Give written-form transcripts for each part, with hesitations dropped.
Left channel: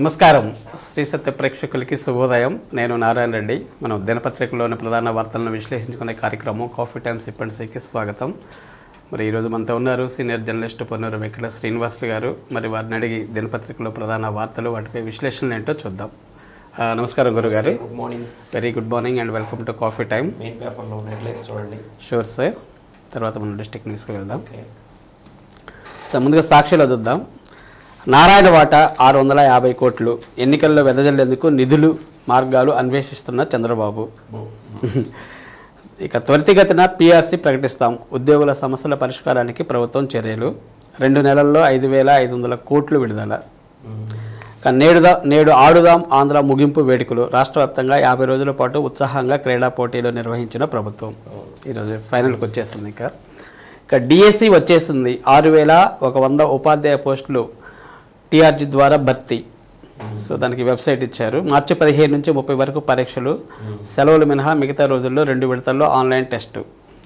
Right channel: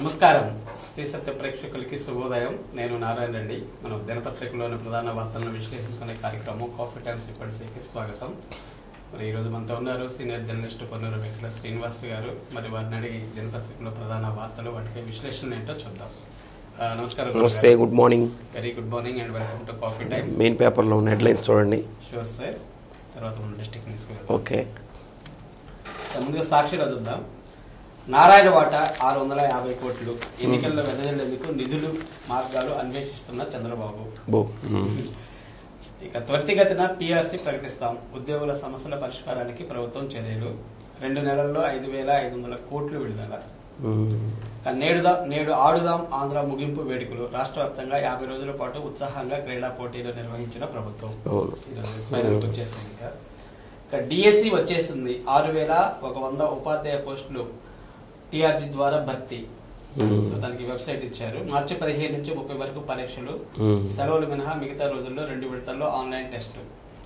నమస్కారం శ్రీ సత్య ప్రేక్షకులకి శుభోదయం. నేను నారాయణ రెడ్డి. మనం దినపత్రికలోని ప్రధాన వార్తలను విశ్లేషించుకునే కార్యక్రమం కాఫీ టైమ్ సిప్ అండ్ సీకి స్వాగతం. మరి ఈరోజు మనతో ఉన్నారు సీనియర్ జర్నలిస్ట్ పొన్నూరు వెంకట శ్రీనివాసులు గారు. మరి వారిని అడిగి దినపత్రికలో ప్రధాన వార్తలు వాటిపై విశ్లేషణలు ఏంటో చూద్దాం. నమస్కారం గురుగారు. Good morning. Very good morning and welcome to coffee time. Main పేపర్లో ఉన్న హెడ్లైన్స్ చూడండి. Sure sir. తర్వాత మనం డిస్ట్రిక్ట్ న్యూస్కి వెళ్దాం. ఓకే సార్, ముందుగా సాక్షిలో చూద్దాం. నారాయణ వాటా 650 కోట్లు, ఎన్నికల్లో వెదజల్లేందుకు నిధులు మార్గాలు అన్వేషిస్తున్న చంద్రబాబు. ఇక త్వరితగతిన పీఆర్సీ ప్రకటిస్తాం, ఉద్యోగుల సమస్యల పరిష్కారానికి ప్రభుత్వం చర్యలు, 2 నెలల్లో 5,500 కోట్లు విడుదల. నేడు ఆడుదాం ఆంధ్ర ముగింపు వేడుకలు, రాష్ట్ర వ్యాప్తంగా 50 రోజుల పాటు ఉత్సాహంగా క్రీడా పోటీలు నిర్వహించిన ప్రభుత్వం. ఈరోజు ఫైనల్కి వచ్చేస్తుంది. ఇక డిఎస్సి వచ్చేసింది. 6,100 ఉపాధ్యాయ పోస్టులు టీఆర్జీ ద్వారా భర్తీ. సో దానికి వెబ్సైట్ ఇచ్చారు. మార్చి 15 నుంచి 30 వరకు పరీక్షలు, సెలవులు మినహా మిగతా రోజుల్లో 2 విడతల్లో ఆన్లైన్ టెస్టు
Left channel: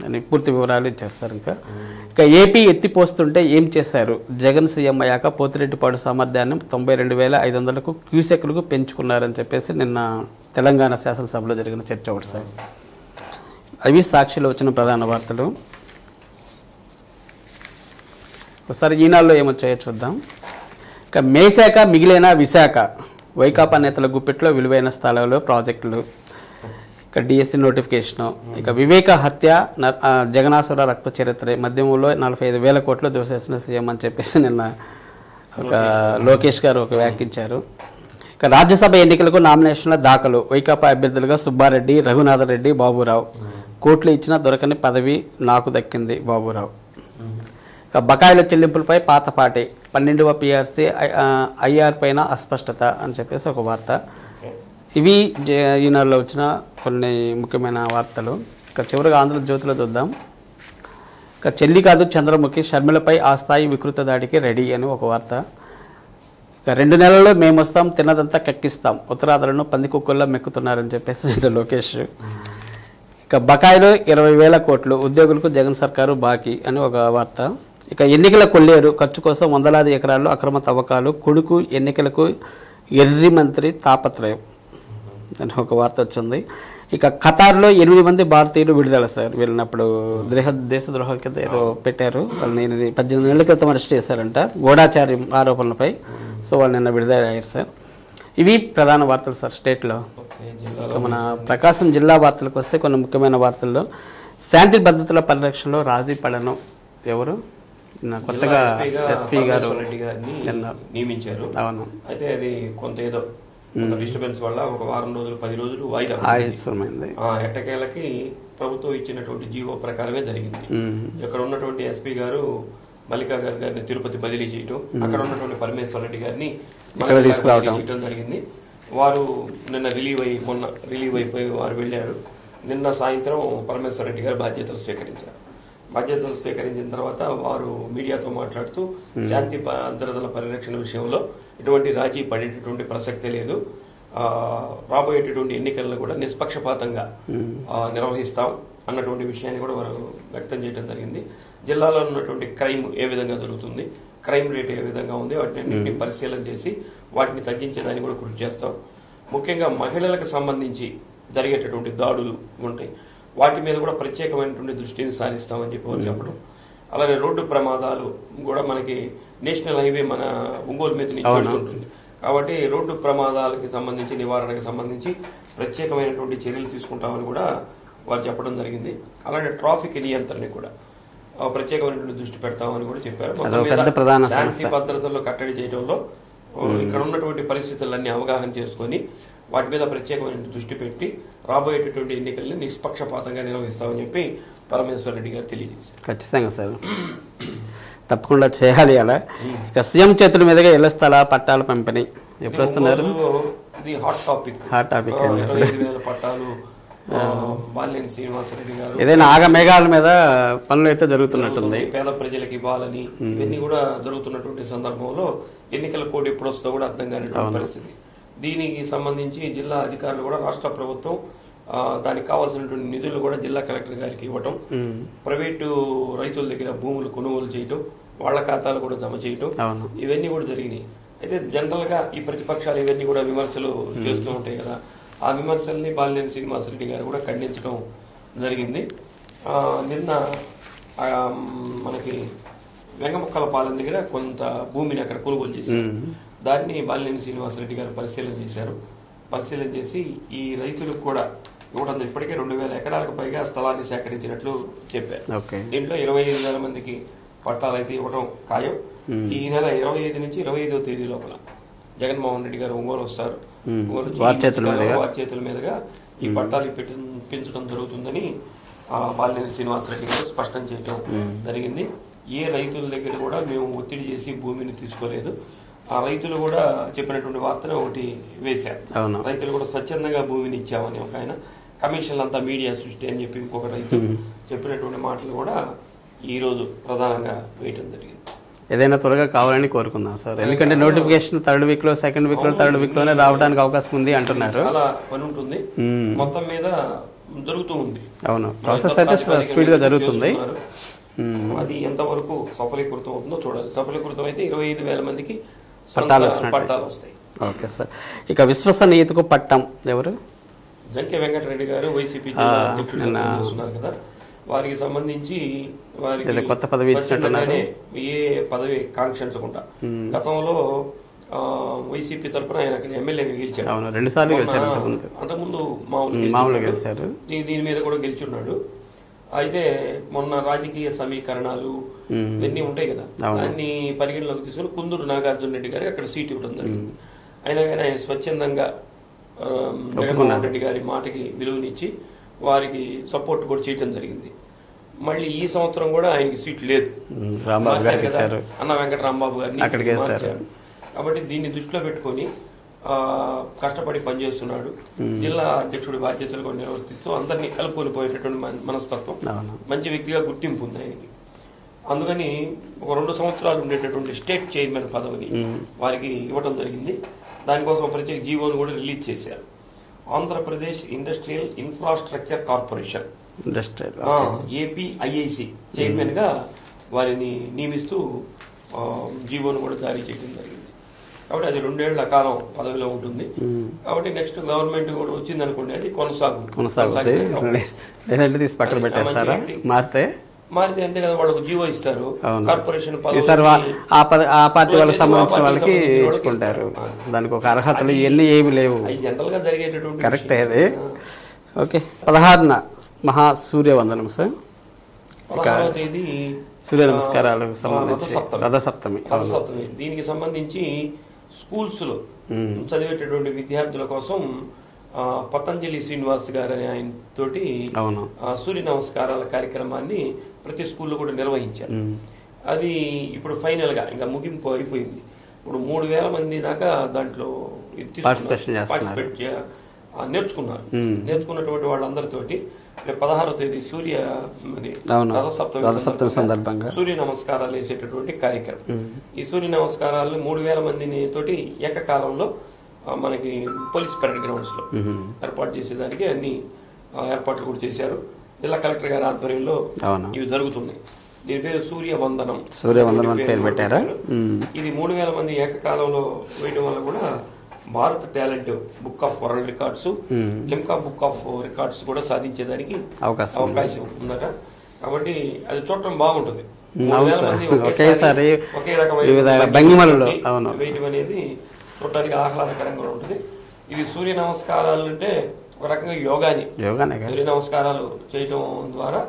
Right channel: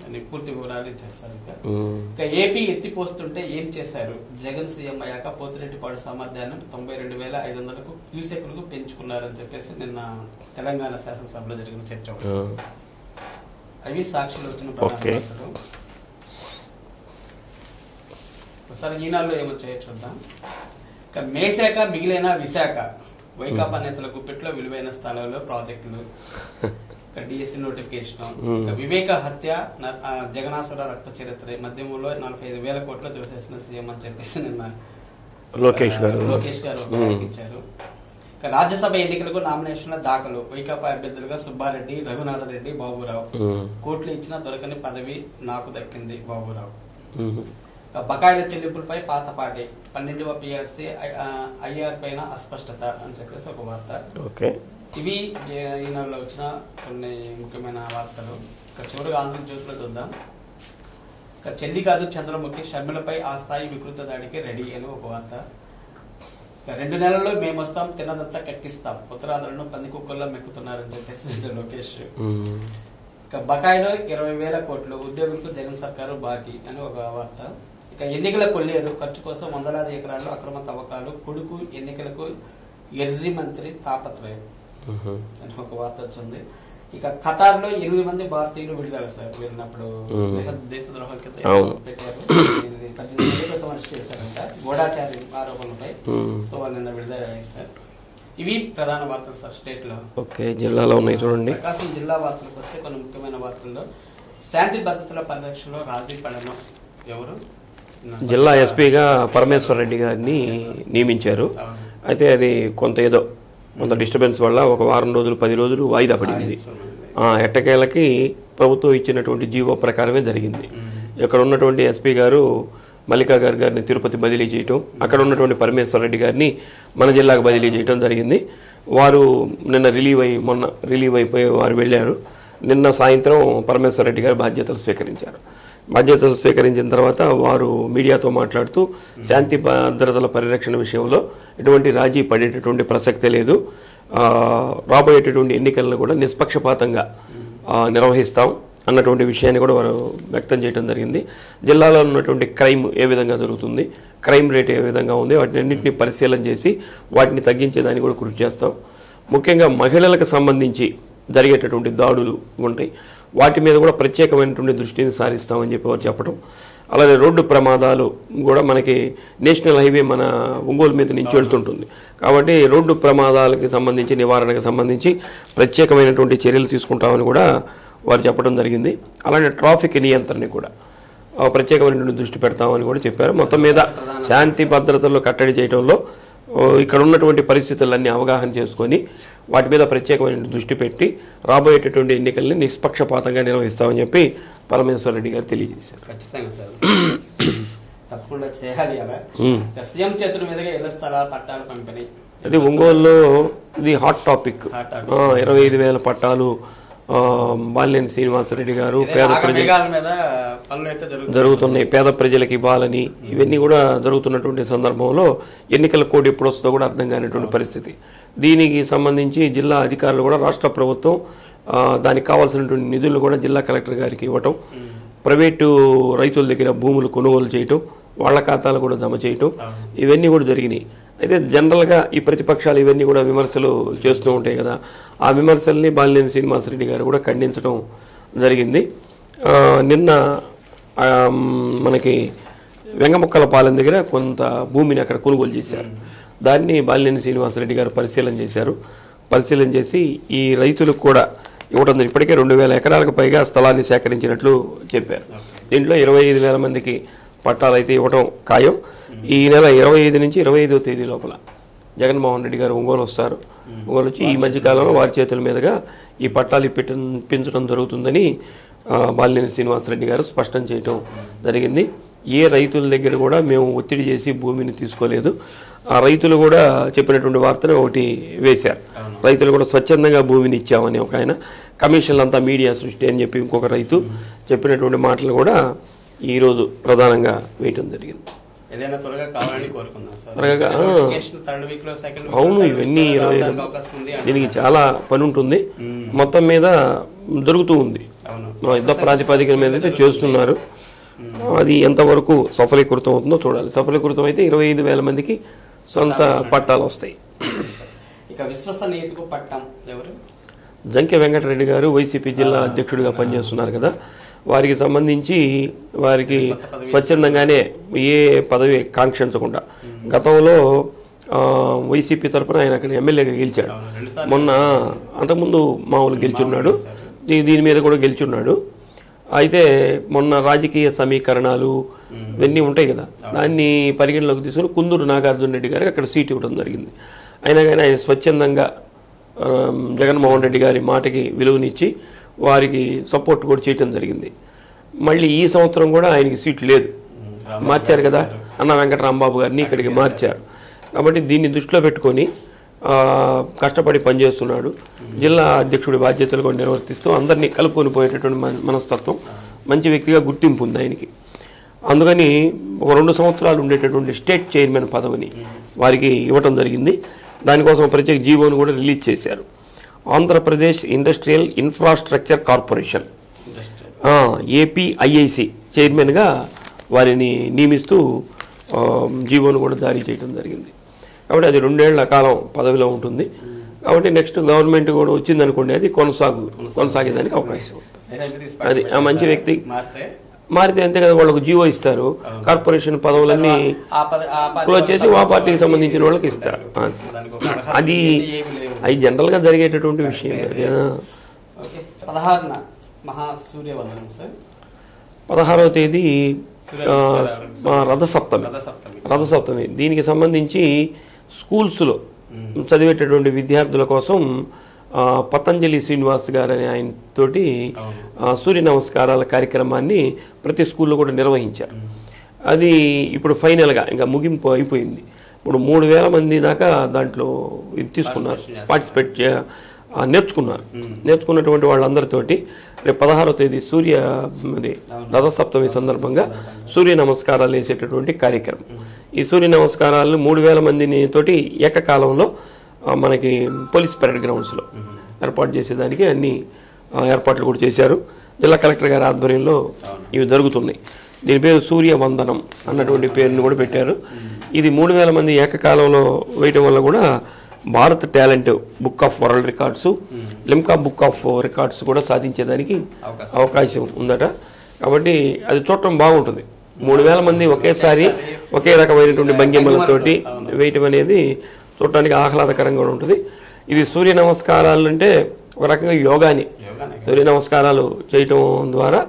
అని పూర్తి వివరాలు ఇచ్చారు సార్. ఇంకా ఏపీ ఎత్తిపోస్తుంటే ఏం చేశారు? జగన్ సీఎం అయ్యాక పోతిరెడ్డిపాడు సామర్థ్యాన్ని 92,500 క్యూసెక్లకు పెంచుకున్నారని చెప్పేసి నిన్న తెలంగాణ శాసనసభలో జరిగిన చర్చ ఒకటి సార్. అవి సాక్షిలో వచ్చిన ప్రధాన వార్తలు. ఒకసారి ఈనాడులో ఏమొచ్చాయో చూద్దాం. ఇక మేశాఖ మిగిలిన విశాఖ, వైకాపా నేతల గుప్పిట్లో విలువైన స్థలాలు ప్రాజెక్టులు. ఇక డిఎస్సి నోటిఫికేషను. ఇక వివేక హత్య, జగనాసుర రక్త చరిత్ర, మద్యంలో 45,000 కోట్లు దోసేసిన సీఎం అని చెప్పేసి నిన్న లోకేష్ గారు ఒక వ్యాఖ్యించారు. ఇక రాజ్యసభ ఎన్నికలకు నామినేషన్ల దాఖలు, వైకాపా అభ్యర్థులుగా సుబ్బారెడ్డి, రఘునాథరెడ్డి, బాబురావు. కోట్లు ఇచ్చినా దొరకని పదవి నాకు దక్కింది బాబురావు. ఇక బకాయిల చెల్లింపులపై పాతపాటి, 12వ పీఆర్సీ ఐఆర్ పైన అస్పష్టత అని చెప్పేసి ఒక వార్త. ఇవి ఈనాడులో వచ్చిన కొన్ని ముఖ్యమైన వార్తలు. ఇక చివరిగా ఆంధ్రజ్యోతిలో చూద్దాం. ఇక చెల్లి కాదు చంద్రముఖి, షర్మిలపై ఆ స్థాయి వికృత దాడికి రెడీ అని ఒక వార్త. ఇక 2 నెలల్లో మేము వస్తాం, తిన్నదంతా కక్కిస్తాం, ఉత్తరాదులను పందికుక్కల్లో మెక్కుతున్నారని చెప్పేసి లోకేష్. ఇక బకాయిలు 20,000 కోట్లు, ఉద్యోగులకు జగన్ సర్కారు బాకీ అని ఒక వార్త. ఇక ఎన్నికల కొల్లేరు, ఖర్చు కోసం వందలాది ఎకరాల్లో అక్రమ తవ్వకాలు, కొడుకు ఎన్నికలకు ఎర్రి మంత్రి తాపత్రయం అని ఒక వార్త వచ్చింది. ఇక ఖతార్లో 8 మంది భారతీయులు విడుదల సార్. వెళ్ళినప్పుడు దేశద్రోహ కింద పెట్టారు. 18 నెలల క్రితం అరెస్ట్ చేశారంట గూఢాచారి ఆరోపణలపై. సో వాళ్ళు నిన్న విడుదల అయ్యారు సార్. ఇవి ప్రధాన వార్తలు సార్ స్టేట్లో. ఓకే, జిల్లాలో ప్రకాశం జిల్లా వార్తలకు వస్తే కొన్ని ముఖ్యమైన వార్తల్లో, శాంతి భద్రతల పరిరక్షణలో రాజీ పడను ఎవరు? జిల్లా ఎస్పీగా పరమేశ్వర్ రెడ్డి గారిని నియమించారు. అయితే అది కొంత డిస్టర్బెన్స్ వల్ల ఒక వారం రోజులు 10 రోజులు వాయిదా పడింది. ఎట్టకేలకి ప్రభుత్వం ఇచ్చినటువంటి జీవో ప్రకారమే జరిగింది. ఇక్కడ ఉన్నటువంటి ఎస్పీ గారు మల్లికా గారిని తిరుపతి బదిలీ చేయటం, అక్కడ ఉన్నటువంటి పరమేశ్వర్ రెడ్డి గారిని మన జిల్లాకు బదిలీ చేయటం జరిగింది. వారు మొన్న రిలీవ్ అయిపోయి వారు వెళ్ళారు. నిన్న సాయంత్రం పరమేశ్వర్ రెడ్డి గారు బాధ్యతలు స్వీకరించారు. బాధ్యతలు స్వీకరించిన తర్వాత వారు మీడియాతో మాట్లాడుతూ శాంతి భద్రతల పరిరక్షణ విషయంలో ఎటువంటి రాజీ పడేటటువంటి ప్రసక్తే లేదు, రాబోయేటటువంటి ఎన్నికలను కూడా నిష్పక్షపాతంగా నిర్వహిస్తాం అన్నటువంటి విషయాన్ని కూడా వారు వ్యక్తం చేయడం జరిగింది. జిల్లాలో ఉన్నటువంటి క్రైమ్ ఏ విధంగా జరుగుతుంది, క్రైమ్ రేట్ ఏ విధంగా ఉంది, వాటిని అన్నింటినీ పరిశీలన చేసి వాటిని తగ్గించేదానికి కూడా కృషి చేస్తాం. ముఖ్యంగా మహిళలకు సంబంధించి జరిగేటటువంటి దాడులు ఉంటాయి, వాటి మీద కూడా ప్రత్యేకమైనటువంటి దృష్టిని సారిస్తామని చెప్పి చెప్పడం. అలాగే రోడ్డు ప్రమాదాలు కూడా మనకి నేషనల్ హైవే మన ఒంగోలు మీద నుంచి వెళ్తుంటుంది కాబట్టి రోడ్డు ప్రమాదాలకి సంబంధించి నివారణకు సంబంధించి ప్రత్యేకమైనటువంటి చర్యలు తీసుకుంటామని కూడా వారు చెప్పడం జరిగింది. అలాగే ట్రాఫిక్ నియంత్రణ కూడా ప్రత్యేకమైనటువంటి దృష్టి పెడతామని కూడా చెప్పారు. మొత్తం మీద శాంతి భద్రతల్లో కట్టడి చేయడంలో ఇక్కడ ఉన్నటువంటి పరిస్థితులన్నీ అవగాహన చేసుకొని వాటి మీద ప్రత్యేకమైన దృష్టి పెట్టి రాబోయేటటువంటి ఎన్నికల్ని నిష్పక్షపాతంగా నిర్వహిస్తామని చెప్పి పరమేశ్వర్ రెడ్డి గారు తెలియజేశారు. ఖచ్చితంగా సార్, తప్పకుండా చేయాలి. అలా ఇక సీఎం చేతుల మీదుగా ఇళ్ల స్థల పట్టాల పంపిణీ ఒంగోలులో ఇది హాట్ టాపిక్. 25,000 పట్టాలు బాలినేని శ్రీనివాసరెడ్డి గారు ఆగమేఘాల మీద పనులు అయితే జరుగుతున్నాయి, పేద ప్రజలకు ఇవ్వాలని. ఇవన్నీ కూడా జరుగుతున్నటువంటి సందర్భంలో ఎన్నికల కోడ్ ఎప్పుడు వస్తుందో కూడా అర్థం కానిటువంటి పరిస్థితి. దీనికి సంబంధించి జిల్లా అధికారులు కూడా రాష్ట్ర ప్రభుత్వం దానికి కావాల్సినటువంటి నిధులు కూడా జిల్లా కలెక్టర్ గారికి ఇవ్వటం, ప్రైవేటు రైతుల దగ్గర భూములు కొనుగోలు చేయటం, వాళ్ళ ఖాతాలు కూడా జమ చేయటం, ఇవన్నీ కూడా జరిగినాయి. అయితే జనరల్గా ఈ ప్రతిపక్షాలు ఇవన్నీ కూడా విమర్శలు చేస్తూ ఉంటాయి కదా, ఆ విమర్శల్ని బాలినేని శ్రీనివాసరెడ్డి గారు కూడా ఖండించడం జరిగింది. నిన్న మనకి వెంగముక్కలపాలెం దగ్గర కొంత భూమిని అక్కడ కొనుగోలు చేశారు. దాన్ని బాలినేని శ్రీనివాసరెడ్డి గారు పరిశీలన చేశారు. పరిశీలన చేసి ఈ రైతులకు కూడా ఇవ్వడం ఇప్పటికే 2000 ఎకరాలకు పైగా స్థలాన్ని సేకరించినట్లు చెప్పారు. దీంట్లో 25,000 మందికి పట్టాలు అయితే ఇవ్వడం ఖాయం. ఈ నెల 25 నుంచి 25వ తేదీ లోపల జగన్మోహన్ రెడ్డి గారు ఒంగోలు వస్తారు. ఒంగోలు వచ్చి ఈ మధ్యకాలంలో వారి చేతుల మీదుగా ఈ పట్టాలు ఇప్పించడం జరుగుతుందని బాలినేని శ్రీనివాసరెడ్డి గారు స్పష్టం చేయడం జరిగింది. ఏ రైతుల దగ్గర కూడా మేము ఒత్తిడి చేసి భూమిని తీసుకోలేదు. ఆ రైతులు కూడా చెప్పినటువంటి వార్తను ఒకటి వేశారు. రైతులు కూడా స్వచ్ఛందంగా భూమిని ఇచ్చామని ఒక ఆయన, కమిషన్లు అంతా మీడియా సృష్టి అని చెప్పి ఇంకొక రైతు చెప్పినటువంటి మాటలు కూడా ఈరోజు ప్రధానంగా వేయటం జరిగింది. ఏదైనా త్వరగా కావాలని కోరుకుందాం సార్. ఎందుకంటే నోటిఫికేషన్ 3rd week లో 2nd week లో 3rd week లో రావడానికి అవకాశం ఉంది అంటే చాలా పని ఉంటుంది. మొత్తం మీద దొరుకుతూ ఉంది. అవును, ప్రాతిపదిక మీద చేస్తున్నారు. అది ఎంతవరకు సఫలీకృతం అవుతుందో చూడాలి. సఫలీకృతం అయితే 25,000 మందికి సొంత పట్టాలు వస్తాయి. Okay sir. ఇక విశ్వసనీయతకు పట్టం ఎవరు? జంకే వెంకటరెడ్డి గారు వైసీపీ జిల్లా అధ్యక్షుడిగా పనిచేస్తున్నారు కదా, వారికి సంబంధించి వారికి స్వచ్ఛందంగానే ఏ పదవి కాంక్షించకుండా గతంలో వైసీపీ తరఫున ఆయన అక్కడ ఎమ్మెల్యేగా గెలిచాడు. మొన్న అంతకుముందు మామూలు గెలిచున్నాడు, దీని మీద కూడా గెలిచున్నాడు. అయితే మొన్న రాజకీయ సమీకరణాలు ఇవన్నీ ఉంటాయి కదా, దాన్ని పరిగణలోకి తీసుకుని కుందూరు నాగార్జున రెడ్డి గారికి అక్కడ సీట్ ఇవ్వడం జరిగింది. అయినా కానీ ఆయన స్వచ్ఛందంగా జగన్మోహన్ రెడ్డి గారి మాటకి విలువనిచ్చి వారికి సపోర్ట్ కూడా చేయడం జరిగింది. మళ్ళీ ఈ సంవత్సరం కూడా ఆయనకి సీట్ లేదు, మార్చారు కదా, అన్న వెంకటరాంబాబు గారిని ఇక్కడికి మార్చారు. కాబట్టి దీన్ని దృష్టిలో పెట్టుకొని కష్టపడి పనిచేస్తున్నాడు. జిల్లా అధ్యక్షుడి బాధ్యతలు కూడా నిర్వర్తిస్తూ అందరినీ కలుపుకొని పోయేటటువంటి మనస్తత్వం, మంచి వ్యక్తిగా గుర్తింపు ఉంది ఆయనకి. అందుకని ఒక 2 సంవత్సరాలు ఉండేటటువంటి స్టేట్ చైర్మన్ పదవిని వారికి ఇవ్వటం జరిగింది. దానికోసం ప్రత్యేక జీవోను కూడా రిలీజ్ చేశారు. Andhra Pradesh industrial infrastructure corporation APIIC చైర్మన్గా వారిని నియమిస్తూ జీవోను కూడా జారీ చేయడం జరిగింది. కాబట్టి అది 2 ఏళ్ల కాలం పదవిలో ఉంటుంది. కాబట్టి నెక్స్ట్ గవర్నమెంట్ కూడా వచ్చింది అనుకోండి, అది కొనసాగడానికి అవకాశం. మంచి వ్యక్తి మారితే అంతే కదా, వాళ్ళకు జీవో ఇస్తారు, కార్పొరేషన్ పదవులు పార్టీకి సంబంధించిన వాళ్ళకి ఇస్తారు. అది జనరల్ గా జరిగేటటువంటి. Okay, 16న మహాసూర్యవందనం sir. 16వ తేదీ రథసప్తమి. దీనికి సంబంధించి స్కూల్స్లో చదివేటటువంటి విద్యార్థుల కోసం పతంజలి శ్రీనివాస్ గారు అనే ఆయన తోటి సూర్య నమస్కారాల కార్యక్రమాన్ని ప్రతి స్కూల్లో కూడా నిర్వహించారు. అది ఇప్పుడు ఫైనల్గా ఇంకా ముగింపు అయిపోయింది. ఇప్పుడు 3,000 మంది దాకా దాంట్లో పార్టిసిపేట్ నేర్చుకున్నారు. నేర్చుకున్నటువంటి వాళ్ళందరితోటి రేపు 16వ తేదీ రథసప్తమి సందర్భంగా సూర్య నమస్కారాలు వేసేటటువంటి కార్యక్రమం. ఈ సూర్య నమస్కారాలను 3,000 మందిని తోటి ఏకకాలంలో మనకి పోలీస్ పరేడ్ గ్రౌండ్స్లో ఏర్పాటు చేసేదానికి అన్ని ఏర్పాట్లు కూడా చేశారు. జిల్లా కలెక్టర్ గారి ఆధ్వర్యంలో ఇవి జరుగుతున్నాయి. దీని పేరు సూర్య వందనం పేరు కూడా పెట్టారు. ఇది 3,000 మంది ఏకకాలంలో వేయటం వల్ల కూడా Bharat talent book of world records, Limca book of records కూడా సాధించేదానికి అవకాశం ఉందట. కాబట్టి అది చూడటం బాగుంటుంది. 3,000 మంది ఒకేసారి ఒకే రకమైనటువంటి వేయటం అనేది చూడటానికి ఆహ్లాదకరంగా ఉంటుంది. ఇది సూర్య నమస్కారాలు అంటే ఒక రకంగా యోగాని. సూర్య నమస్కారాలు చేయటం ద్వారా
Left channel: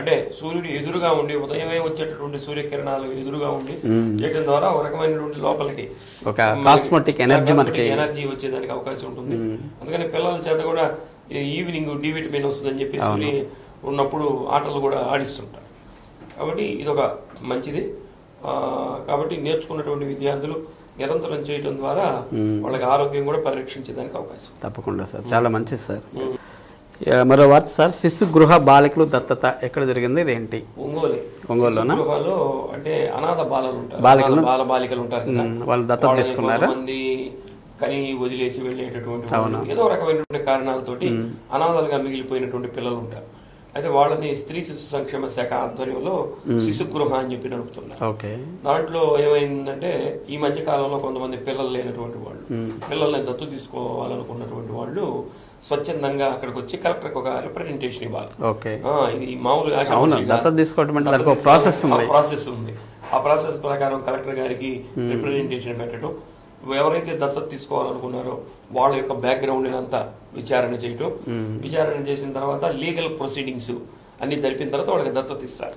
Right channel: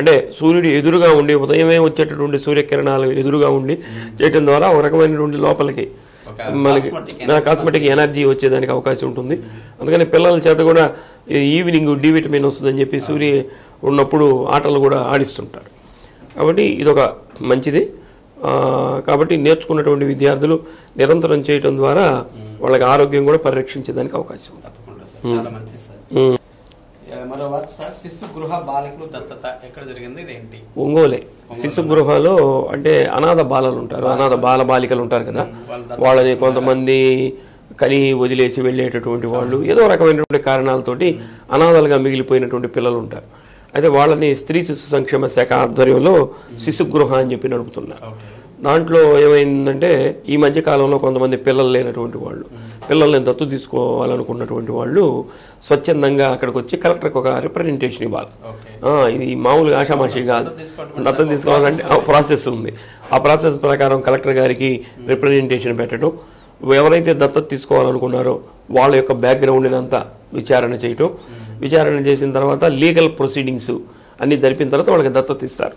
అంటే సూర్యుడు ఎదురుగా ఉండి ఉదయమే వచ్చేటటువంటి సూర్యకిరణాలు ఎదురుగా ఉండి చేయటం ద్వారా ఒక రకమైనటువంటి లోపలికి కాస్మెటిక్ ఎనర్జీ వచ్చేదానికి అవకాశం ఉంటుంది. అందుకని పిల్లల చేత కూడా ఈవినింగ్ డి విటమిన్ వస్తుందని చెప్పి సూర్య ఉన్నప్పుడు ఆటలు కూడా ఆడిస్తుంటారు. కాబట్టి ఇదొక మంచిది. కాబట్టి నేర్చుకున్నటువంటి విద్యార్థులు నిరంతరం చేయడం ద్వారా వాళ్ళకి ఆరోగ్యం కూడా పరిరక్షించేదానికి అవకాశం. తప్పకుండా సార్, చాలా మంచిది సార్. మరో వార్త సార్, శిశు గృహ బాలికలు దత్తత ఎక్కడ జరిగింది, ఇదేంటి? ఒంగోలే. శిశు గృహాలో అంటే అనాథ బాలలు ఉంటారు, అనాథ బాల బాలికలు ఉంటారు కదా, వాళ్ళని కొంతమంది కని వదిలేసి వెళ్ళేటటువంటి వాళ్ళు ఏదో రకమైనటువంటి కారణాలతోటి అనాథలుగా మిగిలిపోయినటువంటి పిల్లలు ఉంటారు. అయితే వాళ్ళని స్త్రీ శిశు సంక్షేమ శాఖ ఆధ్వర్యంలో శిశుగృహ అని చెప్పి నడుపుతున్నారు. దాంట్లో ఏమైందంటే ఈ మధ్య కాలంలో కొంతమంది పిల్లలు లేనటువంటి వాళ్ళు, పిల్లల్ని దత్తు తీసుకోవాలనుకున్నటువంటి వాళ్ళు స్వచ్ఛందంగా అక్కడికి వచ్చి కలెక్టర్కి ఒక రిప్రజెంటేషన్ ఇవ్వాలి. ఇది మామూలుగా ఆశామాషిగా ప్రాసెస్ ఉంది. ఆ ప్రాసెస్ ప్రకారం కలెక్టర్ గారికి రిప్రజెంటేషన్ పెట్టడం, ఎవరైతే దత్తత తీసుకోవాలనుకున్నారో వాళ్ళ యొక్క బ్యాక్గ్రౌండ్ అంతా విచారణ చేయటం, విచారణ చేసిన తర్వాత లీగల్ ప్రొసీడింగ్స్ అన్ని జరిపిన తర్వాత వాళ్ళకి దత్తత ఇస్తారు.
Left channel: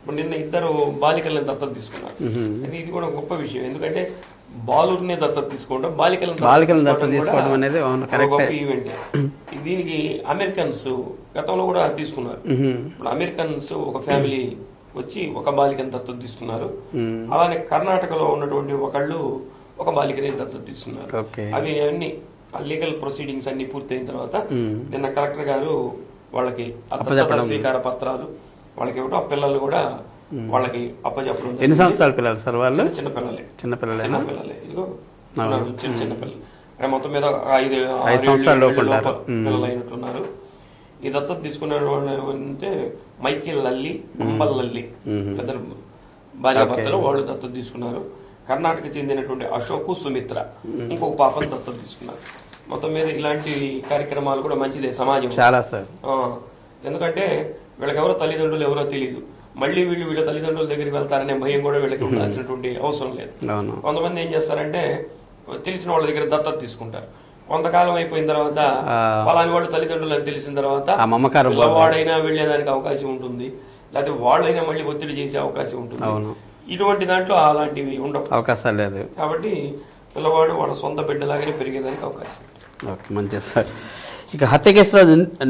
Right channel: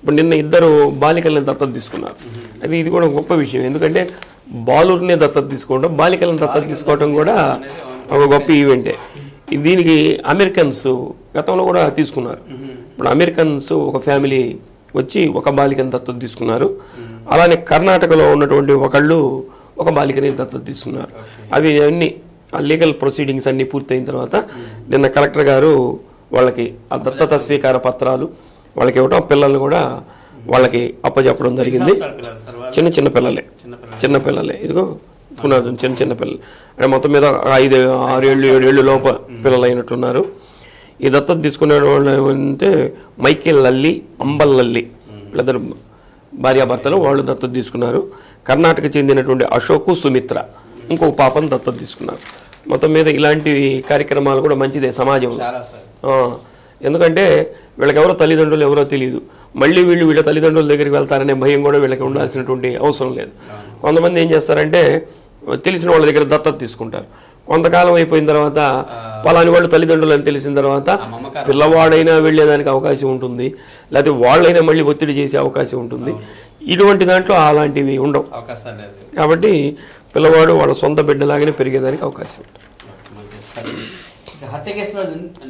ఇప్పుడు నిన్న 2 బాలికల్ని దత్తత తీసుకున్నారు. అది ఇది కూడా గొప్ప విషయం. ఎందుకంటే బాలుర్నే దత్తత తీసుకోవడం, బాలికలను దత్తత తీసుకోవడం కూడా ఒక గొప్ప ఈవెంటే. దీనికి అమెరికన్స్ గతంలో కూడా తీసుకున్నారు. ఇప్పుడు అమెరికన్స్ ఒక ఫ్యామిలీ వచ్చి ఒక బాలికను దత్తత తీసుకున్నారు. అలానే కర్ణాటకలో ఉన్నటువంటి ఒకళ్ళు ఒక బాలికని దత్తత తీసుకున్నారు. అవి అన్ని లీగల్ ప్రొసీడింగ్స్ అన్ని పూర్తయిన తర్వాత నిన్న కలెక్టర్ గారు వాళ్ళకి ఆ దత్తత స్వీకార పత్రాలు వాళ్ళకి ఇవ్వడం, పిల్లల్ని కూడా వాళ్ళకి అప్పచెప్పడం జరిగింది. చిన్న పిల్లలే ఇదిగో చిన్న పిల్లలు అంటే మొత్తం మీద 5-6 ఏళ్ళు లోప పిల్లలు అయినట్టున్నారు. ఈ దత్తత తీసుకునే వాళ్ళు ఏమంటే మైకేల్ లల్లి, అంబల్ లల్లి, వీళ్ళిద్దరు భార్యాభర్తలు, వాళ్ళు దత్తత తీసుకున్నారు. కర్ణాటక చెందినటువంటి అశోక్, సుమిత్ర ఇంకో పాపను దత్తత తీసుకున్నారు. మొత్తం మీద ఇలాంటి కార్యక్రమాలు కూడా మంచిదే సమాజం చాలా సార్. ఎందుకంటే వీళ్ళకి ఎవరో తల్లిదండ్రులు ఎవరో తెలియదు, మళ్ళీ వీళ్ళ తల్లిదండ్రుల దగ్గరికి వెళ్తారనే భయం కూడా వీళ్ళకి ఉండాల్సినటువంటి అవసరం లేదు. కొంతమంది ఏం చేస్తారంటే తెలిసిన వాళ్ళ దగ్గర దత్తత తీసుకుంటారు. కొంతకాలం అయిపోయిన తర్వాత పలాని వాళ్ళు తల్లిదండ్రులు అని తెలిసిన తర్వాత పిల్లవాడైనా వెళ్లేదానికి అవకాశం ఉంటుంది, లేకపోతే వాళ్ళైనా మళ్ళీ ఒత్తిడి చేసే అవకాశం ఉంటుంది. ఇటువంటి దాంట్లో అలాంటివి ఉండవు, అవకాశాలు లేదు. కాబట్టి పిల్లవాడు వాళ్ళ సొంత బిడ్డలాగానే పెరిగేదానికి అవకాశం ఉంటుంది. మంచిది సార్. ఇక హత్య కేసులో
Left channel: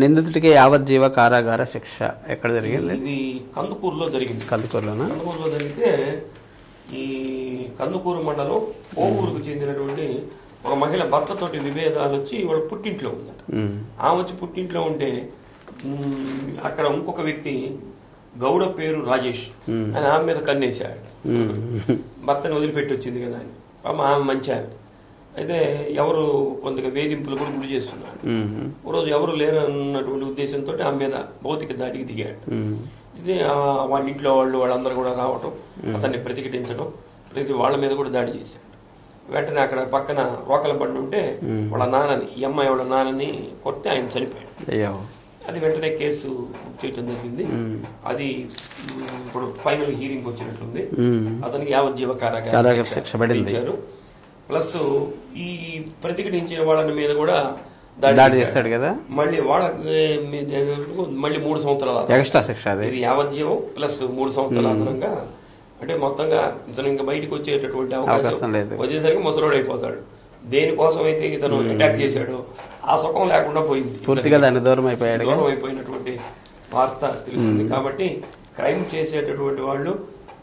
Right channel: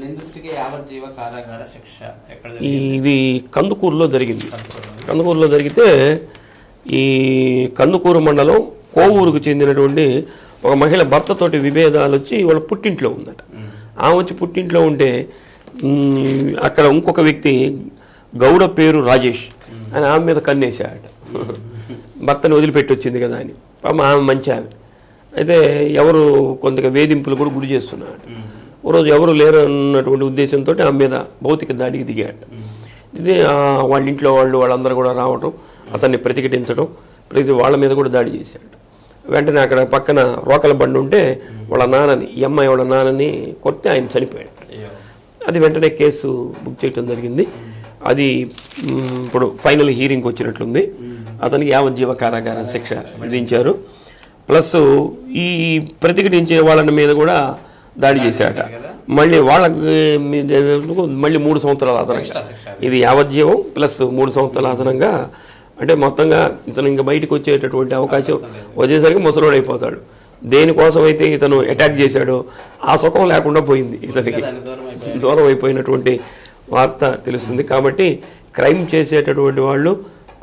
నిందితుడికి యావజ్జీవ కారాగార శిక్ష ఎక్కడ జరిగింది? ఇది కందుకూరులో జరిగింది. కందుకూరులో జరిగితే ఈ కందుకూరు మండలం కోవూరుకు చెందినటువంటి ఒక మహిళ భర్తతోటి విభేదాలు వచ్చి వాళ్ళ పుట్టింట్లో ఉందట. ఆమె వచ్చి పుట్టింట్లో ఉంటే అక్కడ ఇంకొక వ్యక్తి గౌడ పేరు రాజేష్ అని ఆమె మీద కన్నేసాడు. భర్తని వదిలిపెట్టి వచ్చింది కదా అని. ఆమె మంచి ఆమె అయితే ఎవరు కొంతగా వేధింపులు కూడా గురి చేస్తున్నాడు. ఓ రోజు ఎవరు లేరు అన్నటువంటి ఉద్దేశంతో ఆమె మీద భౌతిక దాడికి దిగాడు. ఇది వాళ్ళ ఇంట్లో వాళ్ళందరూ కూడా రావడం, అతన్ని ప్రతిఘటించడం, వాళ్ళ మీద కూడా దాడి చేశాడు. వెంటనే అక్కడ పక్కన రోకల బండి ఉంటే వాళ్ళ నాన్నని, ఈ అమ్మాయి వాళ్ళ నాన్నని కొట్టి ఆయన చనిపోయాడు. అది వెంటనే కేసు బుక్ చేయడం జరిగింది. అది ఇప్పుడు ఫైనల్ హీరింగ్ వచ్చినట్లుంది. అతనికి యావజ్జీవ కారాగార శిక్ష విధించారు. ప్లస్ ఈ ప్రతిఘటించే వాళ్ళ మీద కూడా దాడి చేశాడు కదా, మళ్ళీ వాళ్ళకి మళ్ళీ 3 సంవత్సరాలు. ఇది యావజ్జీవం ప్లస్ 3 సంవత్సరాల అదనంగా. అంటే మొత్తంగా ఇతను ఇంకా బయటకు వచ్చేటటువంటి అవకాశం వచ్చేసరికి ముసలోడు అయిపోతాడు. దేనికోసం అయితే ఇతను అటాక్ చేశాడో ఆ సుఖం లేకుండా పోయింది, దూరం అయిపోయినటువంటి వార్త తెలుస్తుంది. కాబట్టి క్రైమ్ చేసేటటువంటి వాళ్ళు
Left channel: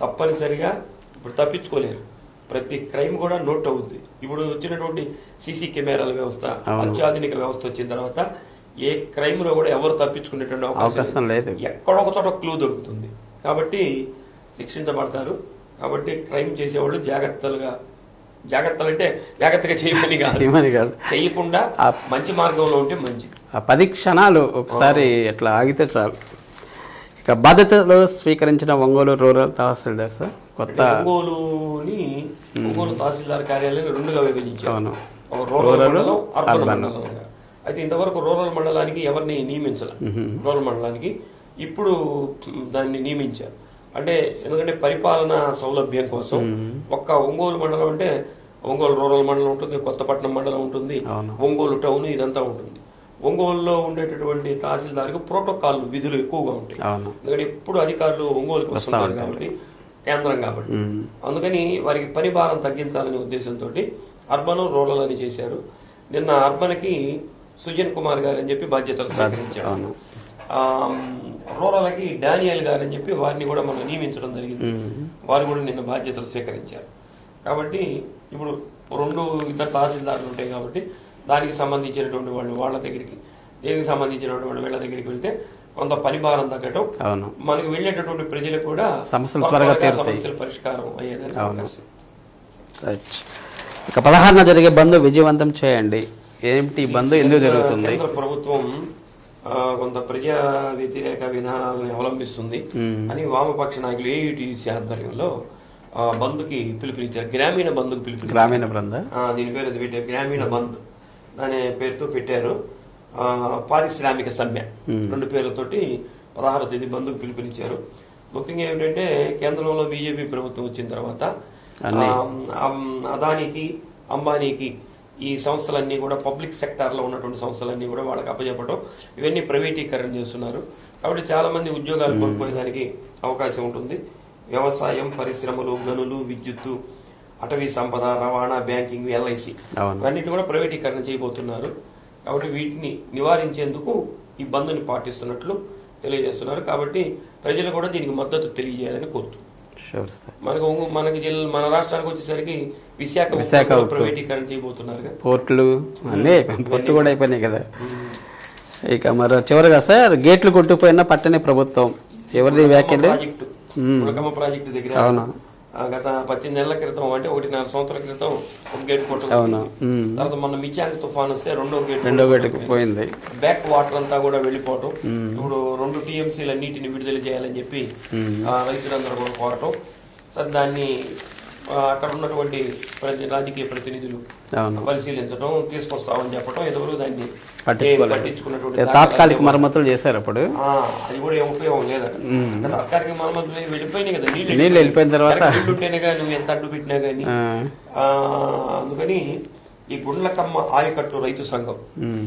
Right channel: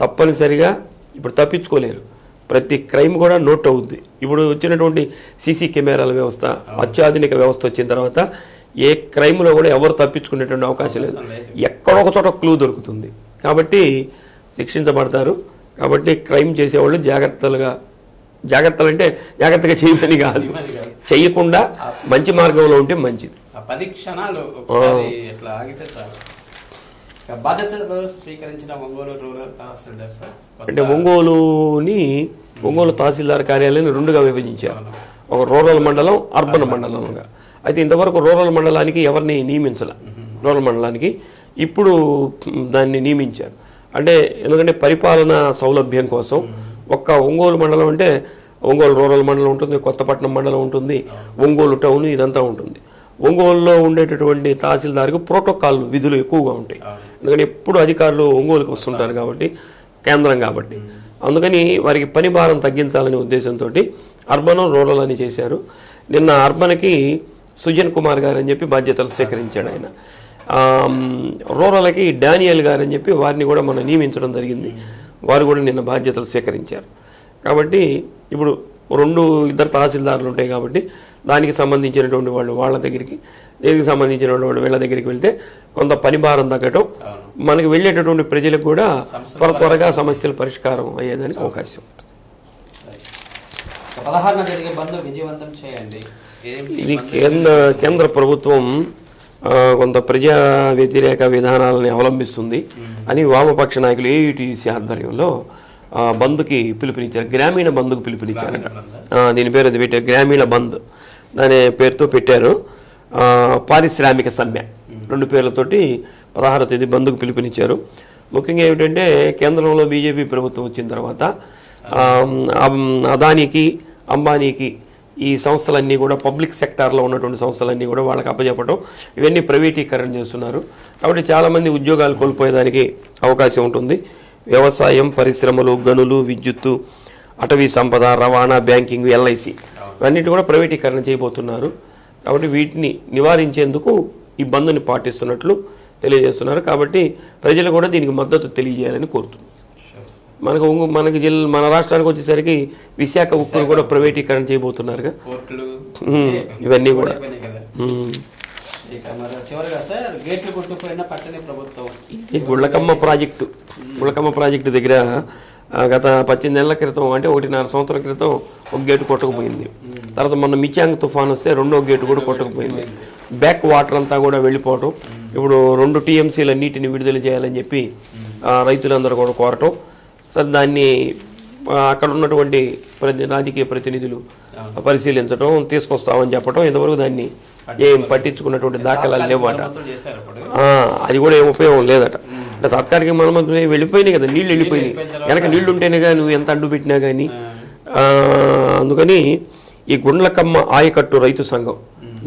తప్పనిసరిగా ఇప్పుడు తప్పించుకోలేరు. ప్రతి క్రైమ్ కూడా నోట్ అవుద్ది. ఇప్పుడు వచ్చినటువంటి సీసీ కెమెరాల వ్యవస్థ, అత్యాధునిక వ్యవస్థ వచ్చిన తర్వాత ఏ క్రైమ్లో కూడా ఎవరు తప్పించుకునేటువంటి అవకాశం లేదు. ఎక్కడొక చోట క్లూ దొరుకుతుంది. కాబట్టి శిక్షించబడతారు. కాబట్టి క్రైమ్ చేసేవాళ్ళు జాగ్రత్తలు అంటే జాగ్రత్తగా చేయమని కాదు, చేయకుండా మంచి మార్గంలో ఉంటే మంచిది. 10 క్షణాలు ఒకసారి ఎట్లా ఆగితే చాలు. ఇక బాధ్యతలు స్వీకరించిన ఒంగోలు రూరల్ తహసీల్దార్ సార్, అంటే ఒంగోలు తహసీల్దార్ కార్యాలయాన్ని 2గా విభజించారు. ఒక రూరల్ మండలం, అర్బన్ మండలంగా. అయితే ఇంతవరకు రూరల్ మండలానికి ఎవరిని నియమించాల, రూరల్ మండలానికి ఇప్పుడు దాన్ని నియమించారు. అంటే ఎందుకంటే పరిపాలన సౌలభ్యం కోసం ఒక్క ఒంగోలు మండలం అంటే ఒంగోలు రూరల్ మండలం ఉంటుంది, కొత్తపట్నం మండలం ఉంటుంది, ఒంగోలు టౌన్ ఇదంతా ఉంటుంది. ఒంగోలులో ఉండేటటువంటి తహసీల్దార్కి ప్రోటోకాల్ విధులు ఎక్కువగా ఉంటాయి. ఎందుకంటే ఎప్పుడు అధికారులు ఒంగోలుకి వస్తుంటారు కాబట్టి, కేంద్రం కాబట్టి. అందుకని వారికి పని భారం తగ్గించాలనే ఉద్దేశంతో అర్బన్ రూరల్ అని చేశారు. నిన్న అర్బన్కి సుజన్ కుమార్ గారు అని చెప్పి బాధ్యతలు స్వీకరించాడు ఆయన. రూరల్కి డానియల్ గారు అని చెప్పి వారిని కూడా మనం నియమించడం జరిగింది. వారు కూడా నిన్న బాధ్యతలు స్వీకరించారు. కాబట్టి ఇప్పుడు 2 తహసీల్దార్లు ఉంటాయి కాబట్టి దానికి సంబంధించినటువంటి వాళ్ళు వాళ్ళ దగ్గరికి, దీనికి సంబంధించిన వాళ్ళు వీళ్ళ దగ్గరికి వెళ్తే కొంత పని భారం తగ్గటం, మనకి వెళ్ళేటటువంటి ప్రజలకు కూడా త్వరగా సమస్యల పరిష్కారం అయ్యేదానికి అవకాశం ఉంటుంది. ఇక 16న జరిగే బంద్ విజయవంతం చేయండి. కేంద్ర ప్రభుత్వం కొంత ప్రజా వ్యతిరేక విధానాలని అవలంబిస్తుంది అని వామపక్ష నాయకులు ఏయుటీసీ ఆధ్వర్యంలో బంద్కి పిలుపునిచ్చారు. గ్రామీణ బంద్కు పిలుపునిచ్చారు. దీని పేరు అది పెట్టారు, గ్రామీణ బంద్ అనే పేరుతో పెట్టారు. పారిశ్రామిక సమ్మె 2 పేర్లతోటి 16వ తేదీ బంద్కు పిలుపునిచ్చారు. ముఖ్యంగా ఏమిటంటే కేంద్రంలో బీజేపీ ప్రభుత్వం వచ్చిన తర్వాత అదానికి అంబానీకి ఈ సంస్థలన్నీ కూడా పబ్లిక్ సెక్టార్లో ఉన్నటువంటి సంస్థలన్నీ కూడా వాళ్ళకి అప్పచెప్పడం, ఇవన్నీ ప్రైవేటీకరణ చేస్తున్నారు. కాబట్టి చాలామంది ఉద్యోగాలు కోల్పోయేదానికి అవకాశం ఉంటుంది. వ్యవసాయం, పరిశ్రమలు, గనులు, విద్యుత్తు, అటవీ సంపద, రవాణా, బ్యాంకింగ్, ఎల్ఐసి ఇవన్నిటి కూడా ప్రైవేటీకరణ చేయబోతున్నారు. కాబట్టి వీటిని నివారించేందుకు ఈ బంద్ని పాటిస్తున్నట్లు తెలియజేస్తున్నారు. కాబట్టి ప్రజలు కూడా దీనికి మద్దతు తెలియజేయాలని కోరుతున్నారు. మన రాష్ట్రానికి వచ్చేసరికి విశాఖ కూడా ప్రైవేటీకరణ చేయబోతున్నారు. పోర్టులు ఇవన్నీ కూడా అయిపోయినాయి కదా. ఇక మరి చివరిగా సార్, గేట్లు కొట్టుకుపోయిన పట్టణ ప్రభుత్వం ప్రాజెక్టు దగ్గర గత 18 నెలల క్రితం, అంటే 1.5 సంవత్సరాల క్రితం ఒక గేటు కొట్టుకుపోయింది. తర్వాత మొన్న మిచాంగ్ తుఫాన్ వస్తే 2వ గేటు కూడా కొట్టుకుపోయింది. బ్యాక్ వాటర్ అంతా కూడా వెళ్ళిపోవటం. ఇప్పుడు 2 TMCల నీటిని విడుదల చేయాలని చెప్పి రైతులందరూ కూడా కోరటం. సరే, దాన్ని అక్కడ ఉన్నటువంటి రాజకీయ ప్రతినిధులు పరిశీలించడం, తీసుకొస్తామని చెప్పడం, ఇంతవరకు దాన్ని పట్టించుకున్నటువంటి మరమ్మతులు చేశారు. అప్పుడు అది కూడా ఏం ఉపయోగం లేదట. అంటే తాత్కాలిక మరమ్మతులు వెళ్ళిపోయినాయి కదా, నీళ్లు ఉంటేనే కానీ నువ్వు ఎంత అడ్డు పెట్టినా కానీ. అందుకని ఈ గుండ్లకమ్మ ఆయకట్టు రైతు సంఘం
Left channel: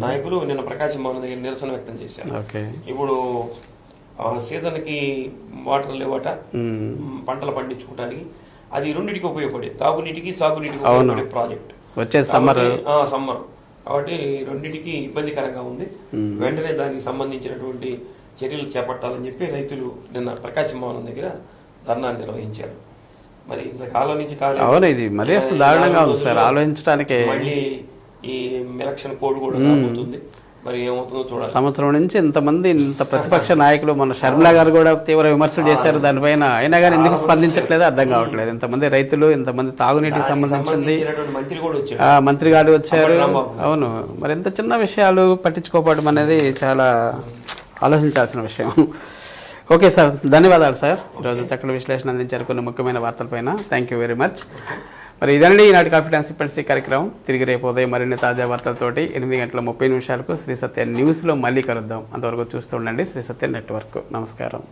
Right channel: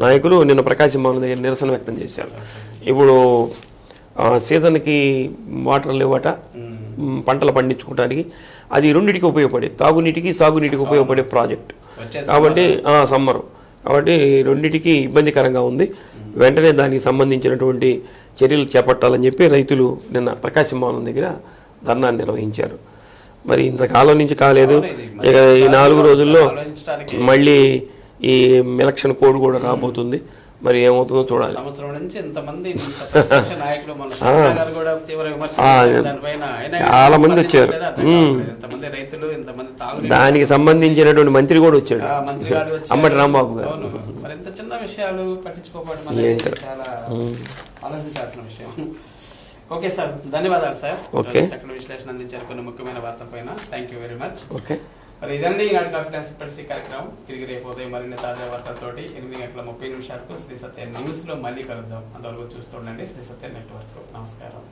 నాయకులు నిన్న ప్రకాశం భవన్ దగ్గర నిరసన వ్యక్తం చేశారు. ఇప్పుడు సీజన్కి వాటర్ లేవట, పంటలు పండించుకోవడానికి. అది రెండింటికి ఉపయోగపడే, తాగునీటికి సాగునీటికి ఉపయోగపడే ప్రాజెక్ట్ కాబట్టి సమ్మర్ కాబట్టి రెండింటికి ఇబ్బందికరంగా ఉంది. వెంటనే దానికి సంబంధించినటువంటి చర్యలు చేపట్టాలని చెప్పి రైతులు నిన్న ప్రకాశం భవన్ దగ్గర ధర్నా నిర్వహించారు. మరి ఇంతకాలం నుంచి కాలేదు. 4 రోజుల్లో మళ్ళీ ఈ ఎలక్షన్ కోడ్ కూడా రాబోతుంది. మరి ఏమవుతుందో చూడాలి. సంవత్సరం నుంచి ఇంతమంది ఇంత ప్రతిపక్ష నాయకులు, మన శర్మిల గారు కూడా తీవ్ర విమర్శలు చేశారు దానిపైన. అయినా కానీ అర్థం కావట్లేదు. ఇంతమంది రైతులు, ఇంతమంది తాగునీరు, దానికి సంబంధించినటువంటి మంత్రి కూడా వచ్చాడు, మంత్రి గారు వచ్చారు. అవును, మరి ఎంత చిన్న విషయాలు పట్టించుకోవడం అనేది చాలా ఆలోచించాల్సిన విషయం. ఓకే సార్, ధన్యవాదాలు సార్. చక్కటి విశ్లేషణ అందించారు కొన్ని ముఖ్యమైన వార్తలపైన. Thank you very much. మరి ఇదండి ఈనాటి కాఫీ టైమ్ సిప్పటి కార్యక్రమం. తిరిగి రేపు ఉదయం మరిన్ని తాజా వార్తలతోటి 8:30 శ్రీ సత్య న్యూస్లో మళ్ళీ కలుద్దాం. అంతవరకు చూస్తూ ఉండండి శ్రీ సత్య నెట్వర్క్. నమస్కారం.